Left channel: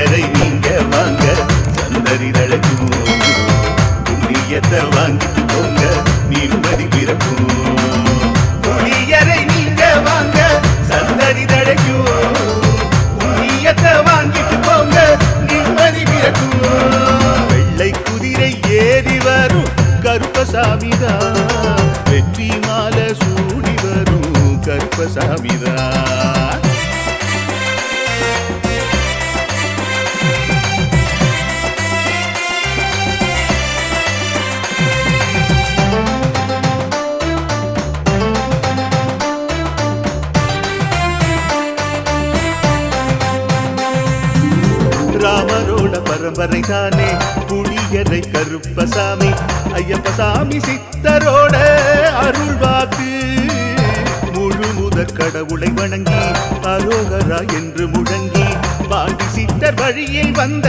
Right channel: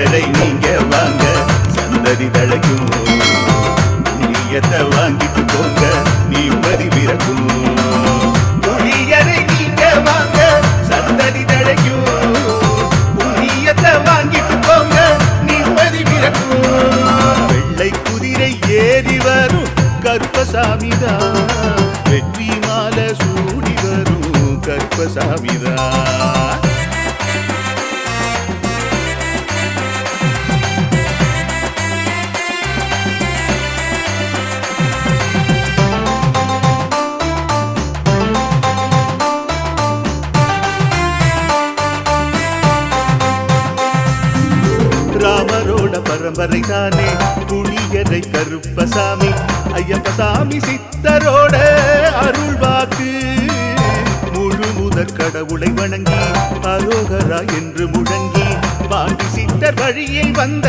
எதை நீங்க வாங்க சந்ததி தழைக்கும் புண்ணியத்தை வாங்கிட்டு போங்க நிம்மதி பிறக்கும் புளியரை நீங்க வாங்க சந்ததி தழைக்கும் புண்ணியத்தை வாங்கிட்டு போங்க நிம்மதி பிறக்கும் வெள்ளை குதிரை ஏறி வரும் கருப்பசாமிதான் வெற்றி மாலை சூடி வரும் கருப்பசாமிதான் ராமரோட பரம்பரை தானே புளியரை கருப்பசாமி ஐயப்பசாமி சித்தரோட அருள் வாக்கு முழு முதற் கடவுளை வணங்கி அரோகரா என்று முழங்கி பாண்டி சித்தர் வழியில் வந்த